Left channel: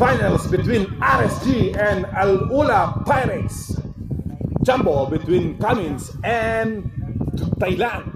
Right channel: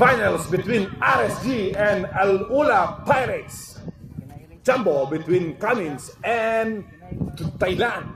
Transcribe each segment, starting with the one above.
Finals between RSG and Al-Ula Pirates. Jumbo between Cummins and Thailand.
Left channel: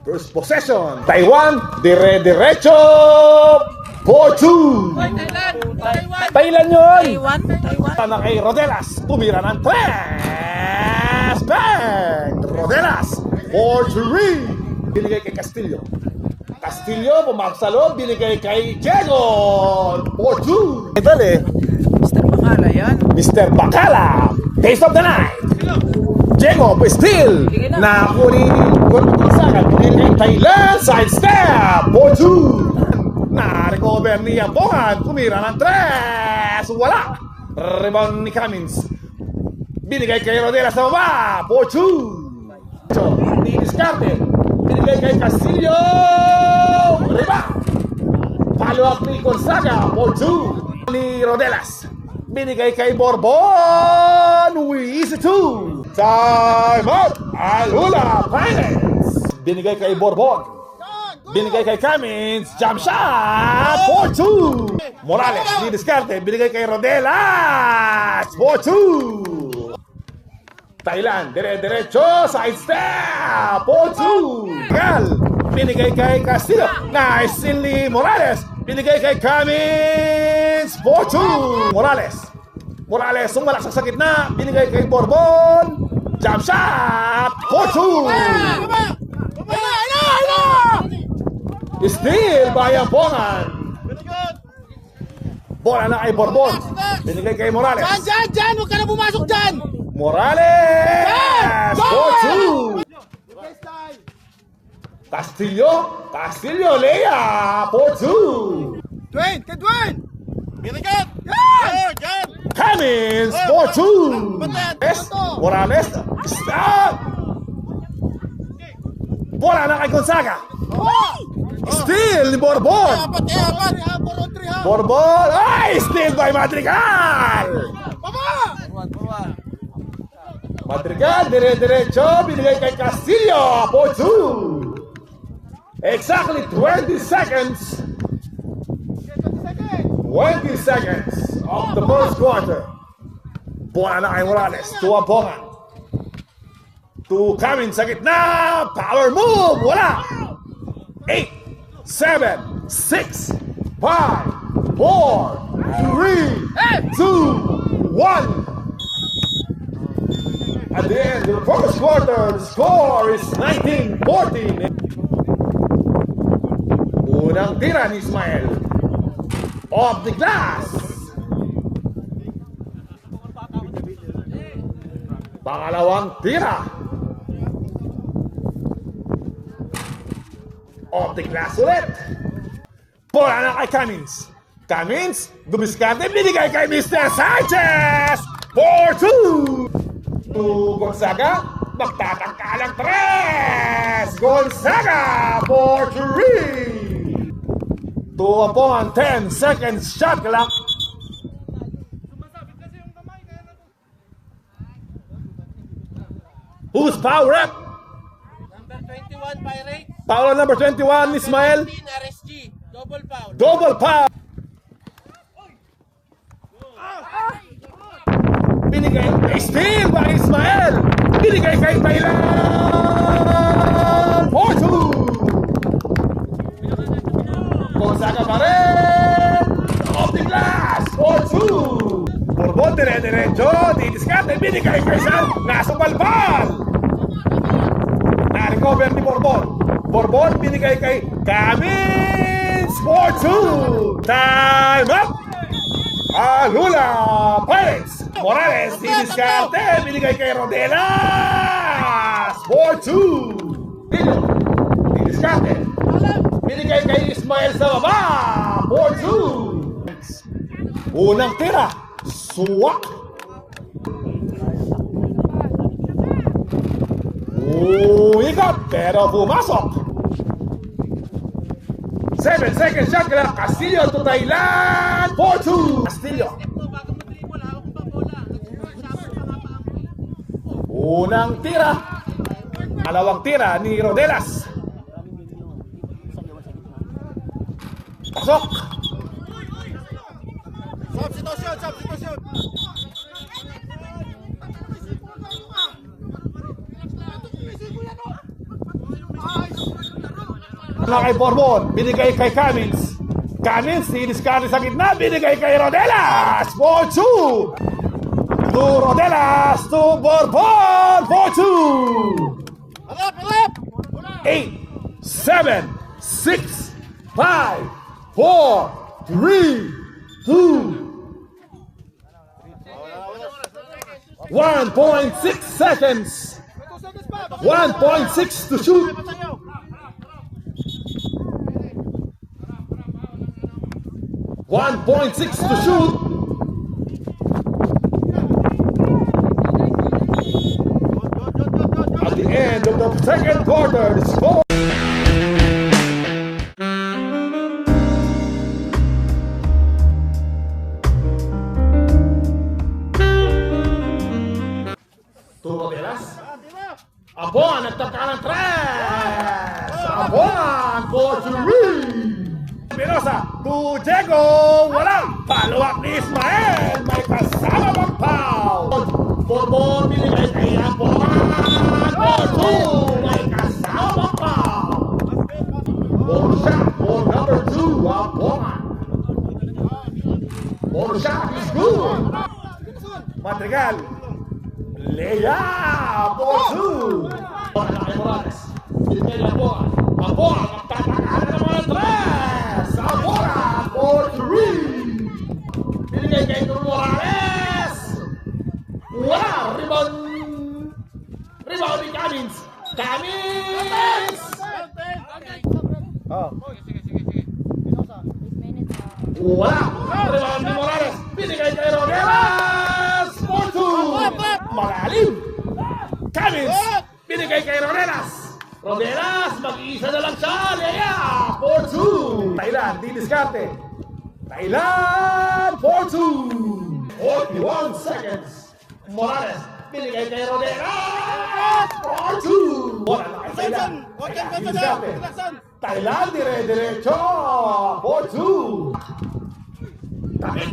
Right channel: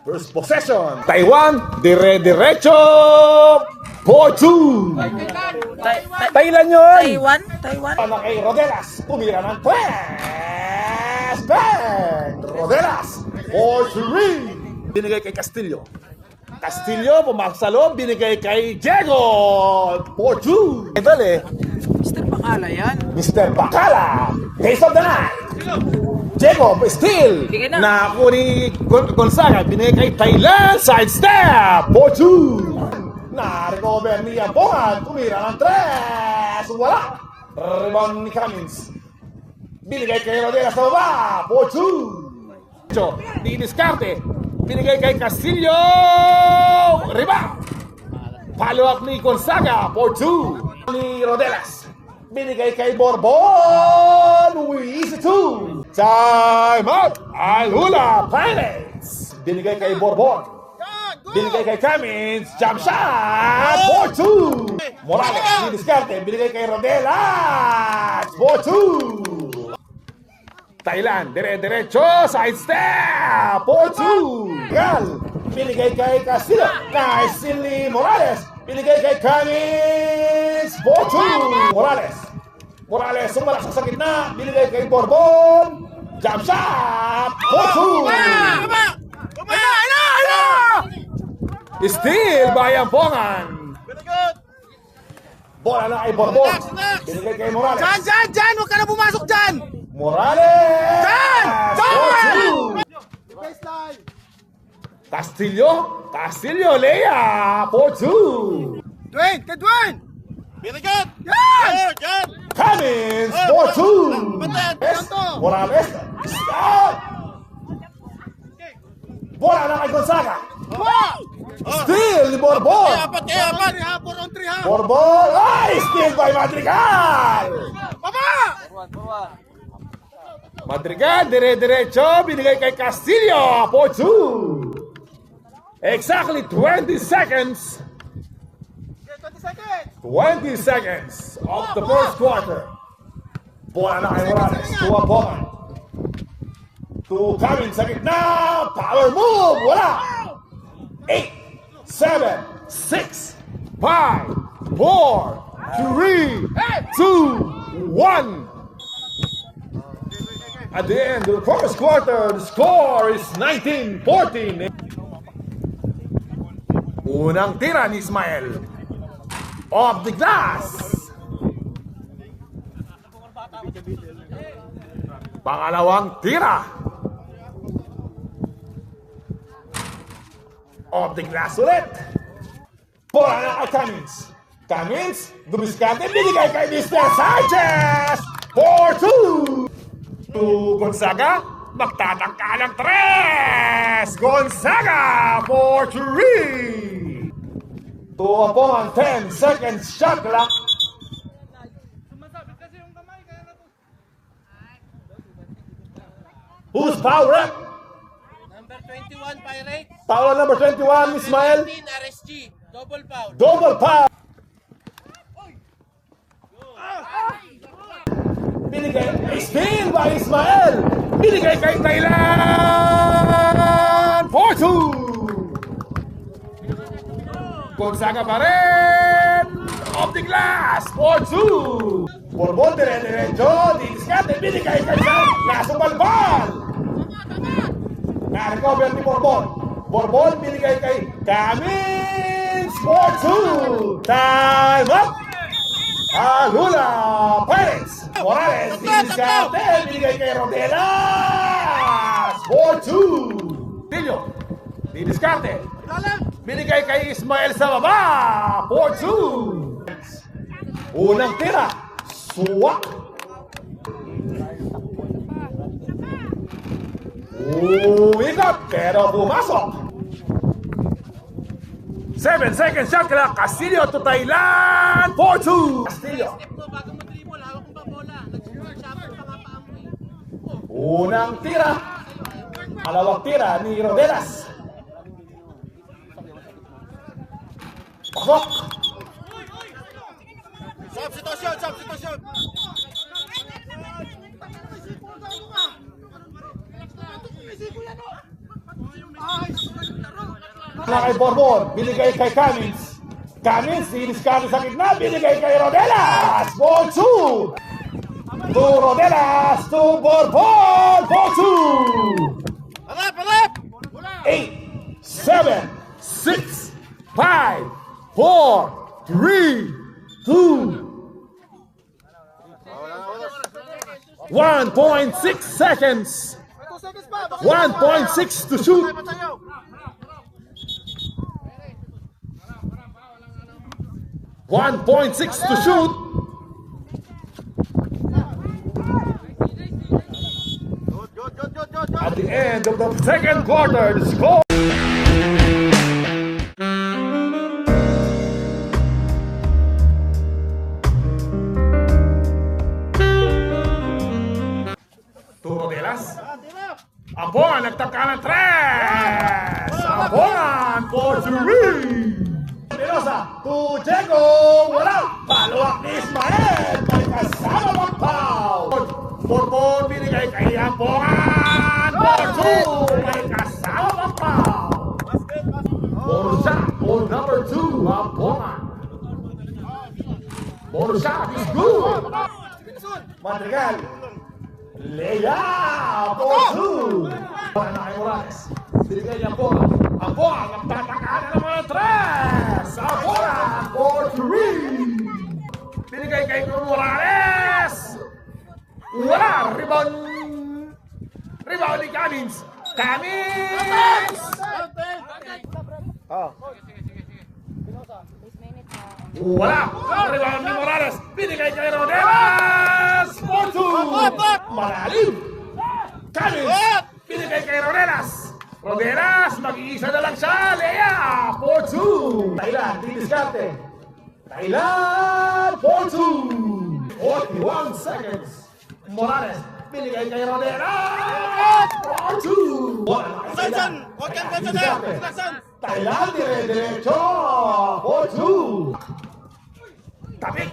First possession, Taiwan, dire-diretso, 4-2. Thailand yun. Taiwan. Ano kay Rodelas, tumira ng tres. Bang! Rodelas, 4-3. Binigay kay Castillo. Castillo, pumasok sa loob, binigay kay Diego, 4-2. Dali. Mr. Bacala yan. Mr. Bacala, taste of the night. Diego, steal. Na kuni Gonzaga, binigay kay Thailand, side step, 4-2. Na-recover ni Abongan, tumira ng tres. Wala. Rebound ni Cummins. Binigay kay Rodela sa baba, 4-2. Diniskarte. Binigay kay Castillo. Rebound. Follow up ni Gonzaga, 4-2. Ni Rodelas. Binigay kay Borbon. Easy 2. Time out. Al-Ula Pirates. Binigay kay Borbon. Binigay kay Cummins. Jump shot. 4-2. Morales. Diniskarte. Binigay kay Rodelas. 4-2. Thailand. Dire-diretso. Side step. 4-2. Gal. Binigay kay Castillo. Nice steal ni Morales. Binigay kay Cummins. 4-2. Morales, sumalak sa gitna. Binigay kay Borbon. Jump shot. 4-2. Steal by Ampongan. Bola na kay Borbon. Binigay kay Morales. Diyan! Huwag ka na pumasok dyan! Morales. 4-2. Castillo, Lea. 4-2. Dwayne! Binigat! Yan! Cummins, 4-2. Morales, stop! Bola na kay Gonzaga. Steal ni Borbon. Apat! Borbon, steal by Madrigal. Madrigal, dire-diretso, binigay kay Castillo, 4-2. Exactly 20 seconds. 20 seconds of the first quarter. Bola na kay Morales. To Abongan. To Cummins sa gitna. Power move. Wala. 8, 7, 6, 5, 4, 3, 2, 1. At the end of the first quarter, the score is 19-14. Unang tira ni Ismael. Off the glass. Pangalawang tira. Off the glass ulit. Bola na kay Cummins. Cummins, dumiskante, binigay kay Mr. Sanchez. 4-2. To Gonzaga, magtatangkalang tres. Gonzaga, 4-3. To Abongan, 10 seconds shot clock. Who's power up? Number 21, Pirates. Power number 21, Ismael. 15, RSG. Double foul. Double power. Binigay kay steal by Ismael. Binigay kay Thailand. 4-2. Gonzaga pa rin. Off the glass. 4-2. Borbon, dire-diretso. Diniskarte. Binigay kay Sam. Nasa balbal. Na-recover ni Borbon. Borbon, binigay kay Cummins. 4-2. Time up. Al-Ula Pirates. Morales, diniskarte. Binigay kay Rodelas. 4-2. Diniskarte. Binigay kay Ismael sa baba. 4-2. Unang tira. Suwak. Uwikat, pero pumasok. 7 seconds shot clock. Castillo to Thailand. 4-2. Castillo. Unang tira. Dalawang tira ni Rodelas. Pasok. Substitution, substitution. Kay Borbon, binigay kay Cummins. Cummins, diniskarte sa gitna, binigay kay Rodelas. 4-2. To Rodelas, to Borbon, 4-2. Harap, harap. 8, 7, 6, 5, 4, 3, 2, 1.6 seconds. 1.6 to shoot. 1.6 to shoot. At the end of the second quarter, the score. Rodelas. Ambon, nagtangka ng tres. Ambon, for three. Pirosa, to Diego. Wala. Paluwak ni Ismael. May kasama pang foul. Borbon, binigay kay Ambon. For two. May kasama pang foul. Ball shot for number 2, Ambon. Ball shot is good. Madrigal. Layup for 2. Para na kay Morales. Binigay niya Ambon. Ambon, nagtataka na naman ng tres. Ambon for 3. Binigay kay Morales. Wala. Rebound. Rebound ni Cummins. Cummins. Wala. Rebound ni Morales. Binigay kay Rodelas. 4-2. Malalim. Cummins. Binigay kay Rodelas. Rodelas. Mag-iisa na lang siya. Lea. 4-2. Thailand. Diniskarte. Thailand. 4-2. 41 seconds. Morales. Binigay kay Rodelas. 4-2. Sansan. Kontan, kontan. Sansan. Thailand, dire-diretso. 4-2. Tapik.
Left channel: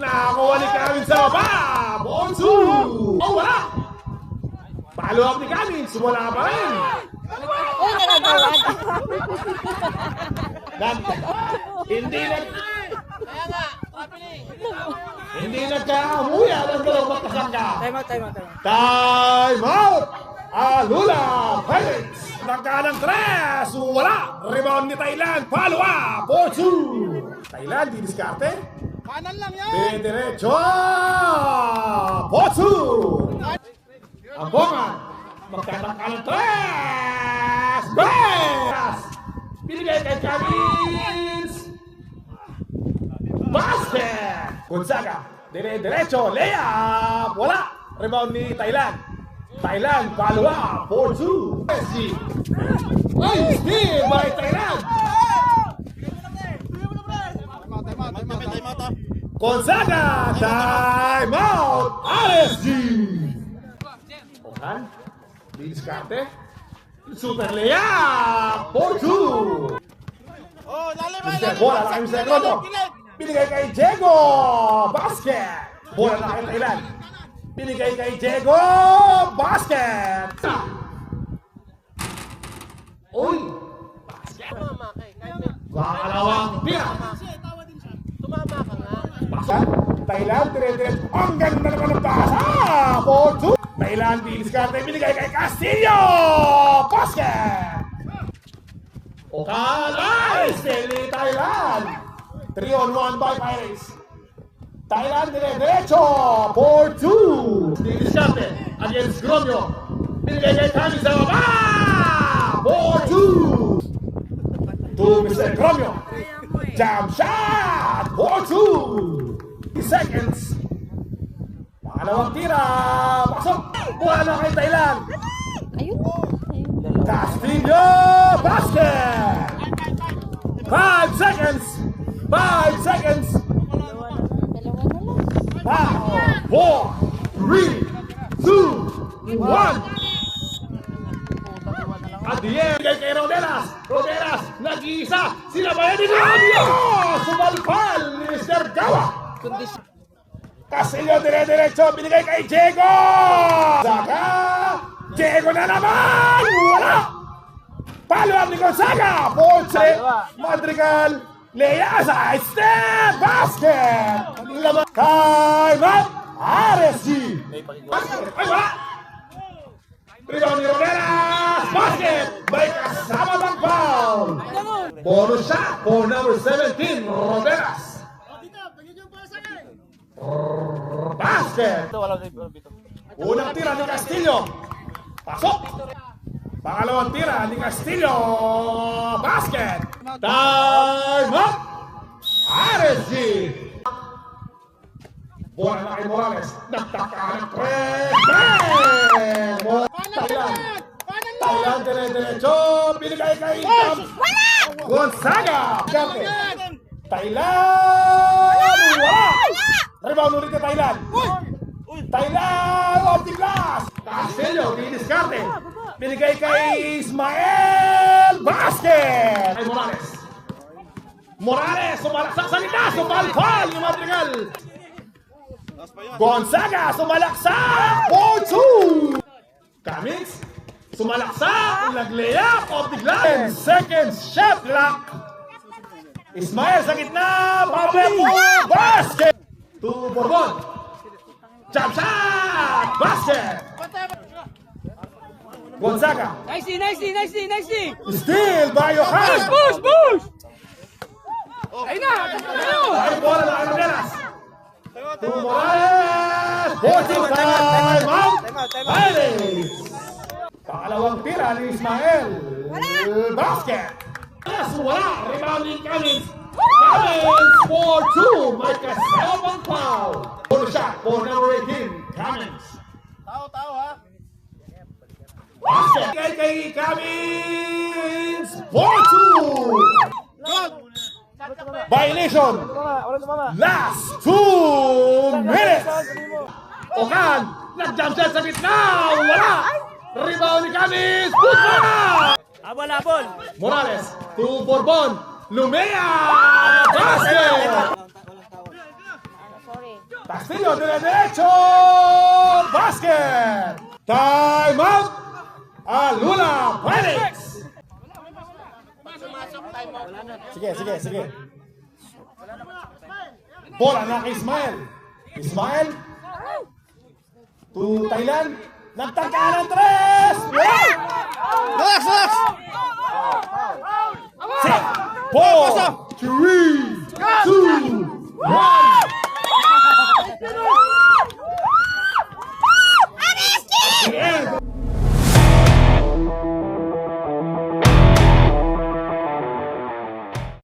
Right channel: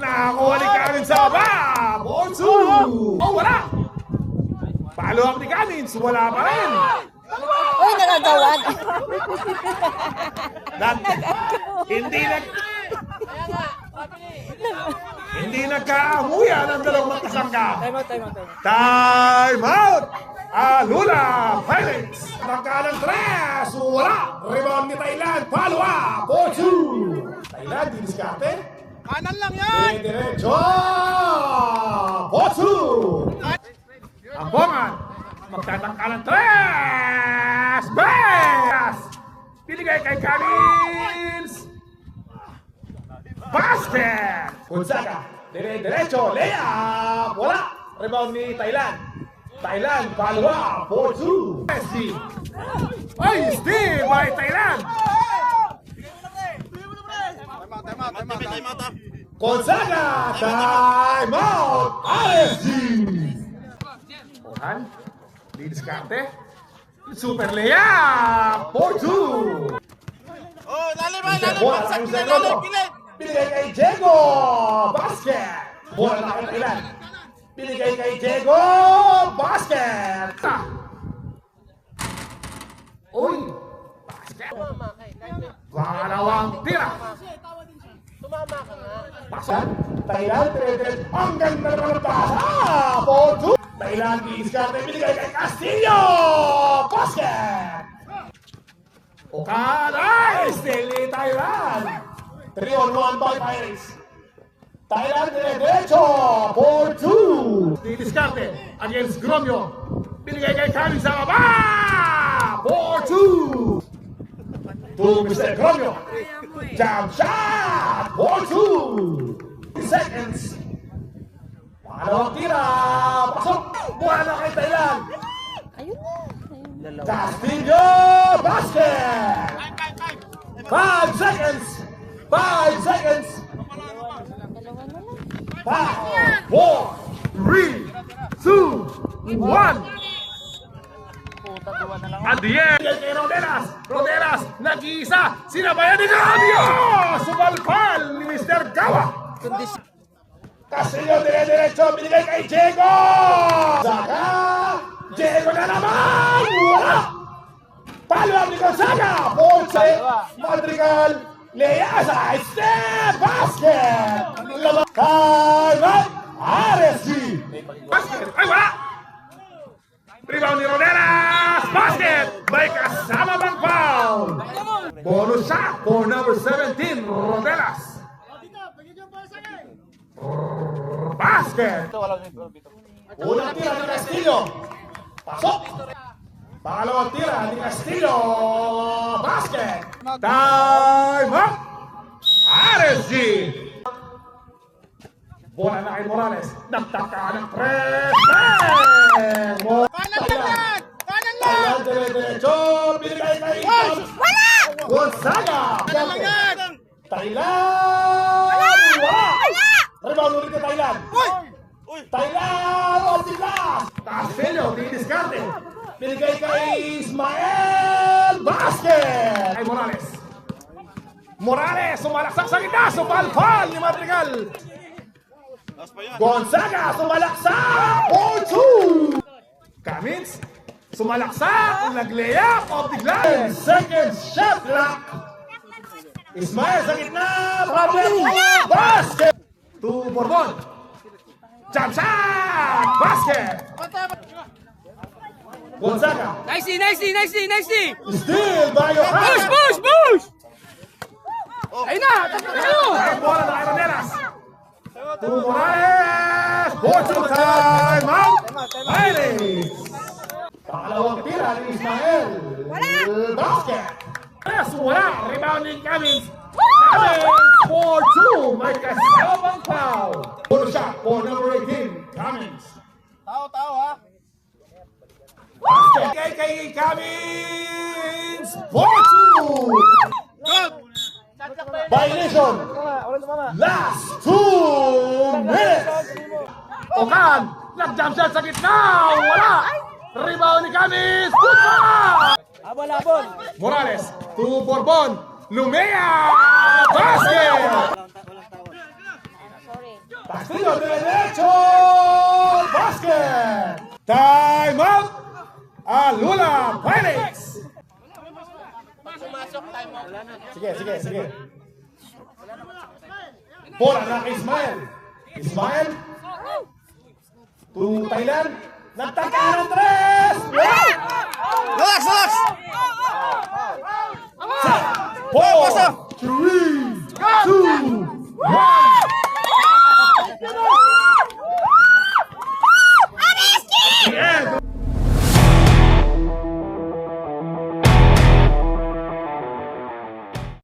Nakakuha ni Cummins sa baba. 4-2. Oh, wala. Follow up ni Cummins. Wala pa rin. Uy, nagagawad. Hindi nagkaamuya ng dalawang magkasangka. Time out. Time out! Alula Pirates! Magkalang tres! Wala! Rebound ni Thailand! Follow up! 4-2! Thailand, diniskarte? Kanan lang yan. Diretso! 4-2! Ambongan! Magtatangkalang tres! Bas! Binigay kay Cummins! Basket! Gonzaga! Diretso! Layup! Wala! Rebound ni Thailand! Thailand, follow up, 4-2. SG. Ay, steal by Thailand. Time out. Gonzaga, time out, RSG. Okan, diniskarte. Super layup, 4-2. Oh, lalim. Bola kay Diego. Binigay kay Diego. Basket. Bola na kay Thailand. Binigay kay Diego. Basket. Uy. Basket. Pangalawang tira. Pasok. Thailand, dire-diretso. Ang ganda naman ng pasa. 4-2. Thailand, diskarte. Binigay kay Castillo. Basket. Okan. Ay, still ni Thailand. 3-on-1 by Pirates. Thailand, dire-diretso. 4-2. Diskarte against Gromio. Binigay kay Cummins sa baba. 4-2. To Mr. Gromio. Jump shot. 4-2. Seconds. Pangalawang tira. Pasok. Buwan na kay Thailand. Ayun na. Castillo. Basket. 5 seconds. 5 seconds. Dalawa na lang. 5, 4, 3, 2, 1. 1. At the end, kay Rodelas. Rodelas, nag-iisa. Sinabayan ni Rabio. Sumalpal ni Mr. Gawa. Castillo dire-diretso, binigay kay Diego. Saka, Diego na naman. Wala. Talo ang Gonzaga. Ponce, Madrigal, Leasa, step basket. Time out. RSG. Basket. Ay, wala. Rebound ni Rodelas. Basket. May kasama bang foul? Bonus shot for number 17, Rodelas. Basket. Unang tira ni Castillo. Pasok. Pangalawang tira ni Castillo. Basket. Time up. RSG. Bola na kay Morales. Nagtaka ng tres. Taylan dire-diretso. Binigay kay Gonzaga. Taylan. Rebound ulit kay Taylan. Taylan off the glass. Castillo, dinidiskarte. Binigay kay Ismael. Basket. Ay Morales. Morales, sumalaksak sa litas. Sumalpal ni Madrigal. Gonzaga, sumalaksak. 4-2. Cummings, sumalaksak. Nag-layup off the glass. Second shot clock. Ismael sa gitna. Basket. 2 Borbon. Jump shot. Basket. Gonzaga. Nicely. Steal by Yohan. Push! Ayun na! Ay bola na kay Rodelas. 2 Morales. 14 time out. Pirates. Pangalawang tira ni Ismael. Basket. Yes, wala. Rebound ni Cummings. Cummings 4-2. May kasamang foul. Bonus shot for number 18. Cummings. Tao ha. Basket. Kay Cummings. 4-2. Good. Violation. Last 2 minutes. Okan. Nag-jump shot sa gitna. Wala. Rebound ni Cummings. Put back. Abol! Morales to Borbon. Lumea. Basket. Sorry. Castillo derecho. Basket. Time out. Alula Pirates. Sige. Bola na Ismael. Ismael. To Thailand. Nagtaka ng tres. Relax. 4, 3, 2, 1.